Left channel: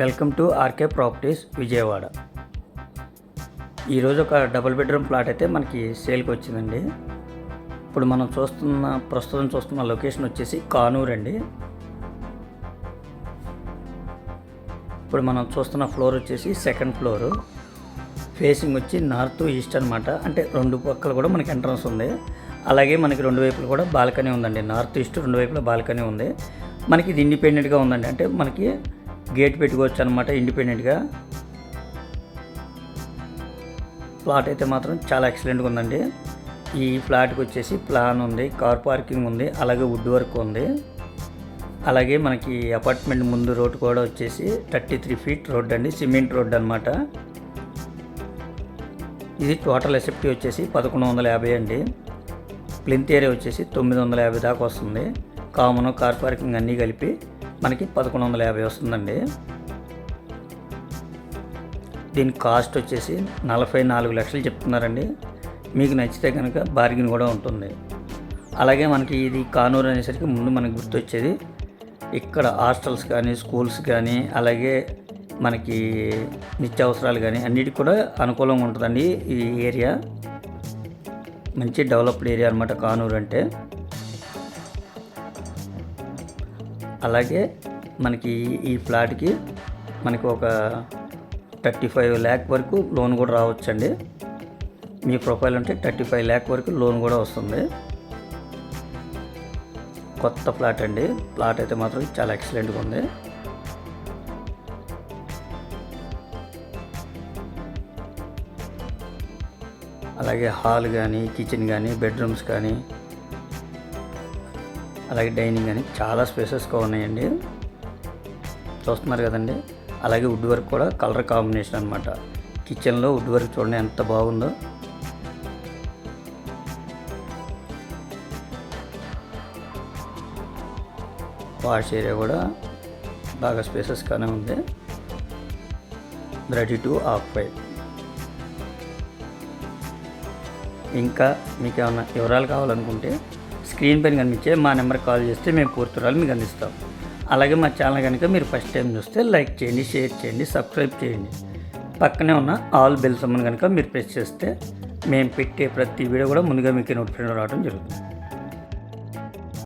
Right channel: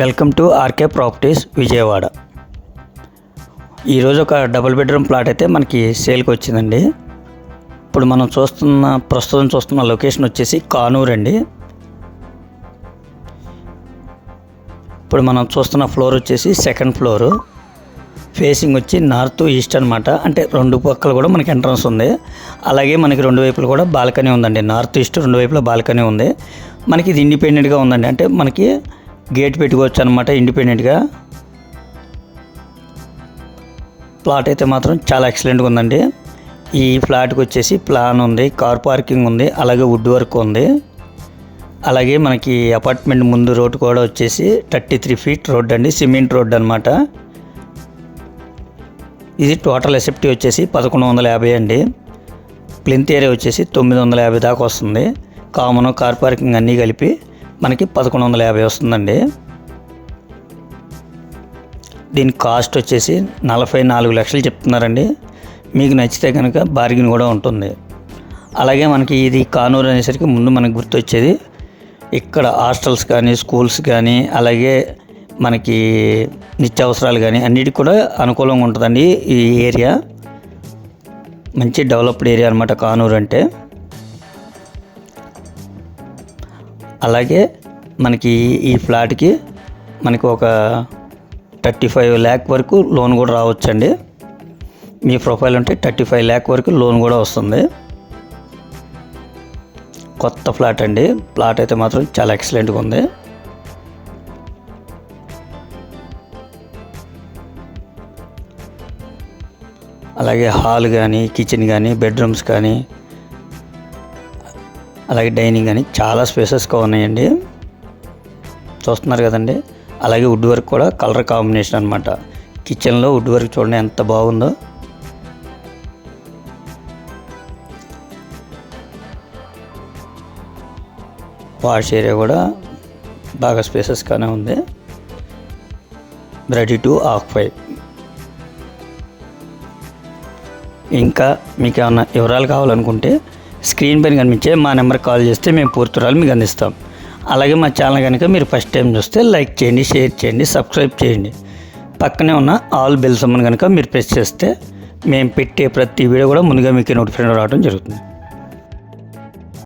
Welcome to RK properties Vijayawada. ఈరోజు ఒక double bedroom plot అయితే మనకి సేల్కి వచ్చిందండి. ఇప్పుడు మనం చూస్తున్న ప్రస్తుతం చూస్తున్న లొకేషన్ వచ్చేసి కానూర్ అండి. ఇప్పుడు మనం చూస్తున్న ఫ్లోర్ వచ్చేసి సెకండ్ ఫ్లోరు. ఫేసింగ్ వచ్చి నార్త్ ఈస్ట్ అనమాట అంటే రెండు పక్కలు కూడా మనకి ఎంట్రన్స్ ఉంది. అలాగే మనకి రెండు వైపులు కూడా బాల్కనీ ఉందండి. నార్త్ ఈస్ట్ రెండు వైపులా బాల్కనీ ఉంది. మనకి ఇది ఇండిపెండెంట్గా ఉందండి. అంటే మనకి గేట్ పెట్టుకోవచ్చు అనమాట ఇండిపెండెంట్గా. ప్లాట్ అయితే మాత్రం చాలా ఎక్సలెంట్గా ఉందండి. ఈ ఫ్లాట్కి వచ్చేసి ప్లాన్ ఉంది కార్ పార్కింగ్ ఉంది అలాగే వుడ్ వర్క్ ఉంది. అలాగే మనకి అపార్ట్మెంట్ ముందు రోడ్ కూడా వచ్చేసి థర్టీ త్రీ ఫీట్ రోడ్ అండి సిమెంట్ రోడ్ అనమాట ఇది టోటల్ ఎసెప్టీ వచ్చేసి పదకొండు వందల యాభై అండి. ప్లింత్ ఏరియా వచ్చేసి తొమ్మిది వందల యాభై దాకా వస్తుంది. కామన్ కార్ పార్కింగ్ అన్నీ కలిపి మనకి పదకొండు వందల యాభై వస్తుందండి. దీని కాస్ట్ వచ్చేసి నలభై నాలుగు లక్షలు చెప్తున్నారండి. మీకు నచ్చితే కనుక బార్గిన్ కూడా ఉంటుంది. అలాగే మనకి ఇది కానూరు అనేసరికి ముందు మనకు గుర్తొచ్చేది. ఇక్కడ హాస్టల్స్ కానీ స్కూల్స్ కానీ అలాగే మనకి నిత్యావసరాలు కానీ అన్నిటికి కూడా అనుకూలంగా ఉంటుందండి ఈ ఏరియా. మంచి డెవలప్డ్ ఏరియా అనమాట కానూరు అంటే. అలాగే మనకి ఈ ఫ్లాట్కి మనకి ఒక థర్టీ ఫైవ్ ల్యాక్ వరకు లోన్ కూడా రావచ్చండి. మీ ప్రొఫైల్ ఉంటే థర్టీ ఫైవ్ ల్యాక్ వరకు లోన్ కూడా వస్తుంది. కొత్త ఫ్లాట్ అండి. ఫ్లాట్ అయితే మాత్రం చాలా ఎక్సలెంట్గా ఉంది. అలాగే హాల్ కానీ కిచెన్ కానీ బెడ్రూమ్స్ కానీ అలాగే డైనింగ్ అని చాలా స్పేసెస్గా ఉన్నాయండి. చూస్తున్నారు కదండి. అలాగే వుడ్ వర్క్ కూడా కలర్ కాంబినేషన్ అనమాట కిచెన్లో వుడ్ వర్క్ చూడండి ఎంత బాగుందో. వాష్ ఏరియా కూడా బాగా స్పేసెస్గానే ఉంది. రెడీ టు ఆఫ్ ఫైవ్ ఇంకా మీకు ఏమైనా వివరాలు కావాలనుకుంటే స్క్రీన్ పైన కనిపించే మా నెంబర్ కాల్ చేస్తే మేము పూర్తురాలు మీకు అందిస్తాం. అలాగే మా ఛానల్ కనుక మీరు ఫస్ట్ టైం చూస్తే లైక్ చేయండి షేర్ చేయండి సబ్స్క్రైబ్ చేయండి. పక్కనే ఉన్న ఆల్ బెల్ సమ్మన్ కనుక మీరు ప్రెస్ చేస్తే మేము పెట్టే ప్రతి వీడియో కూడా ముందుగా మీకు నోటిఫికేషన్ రావడం జరుగుతుంది.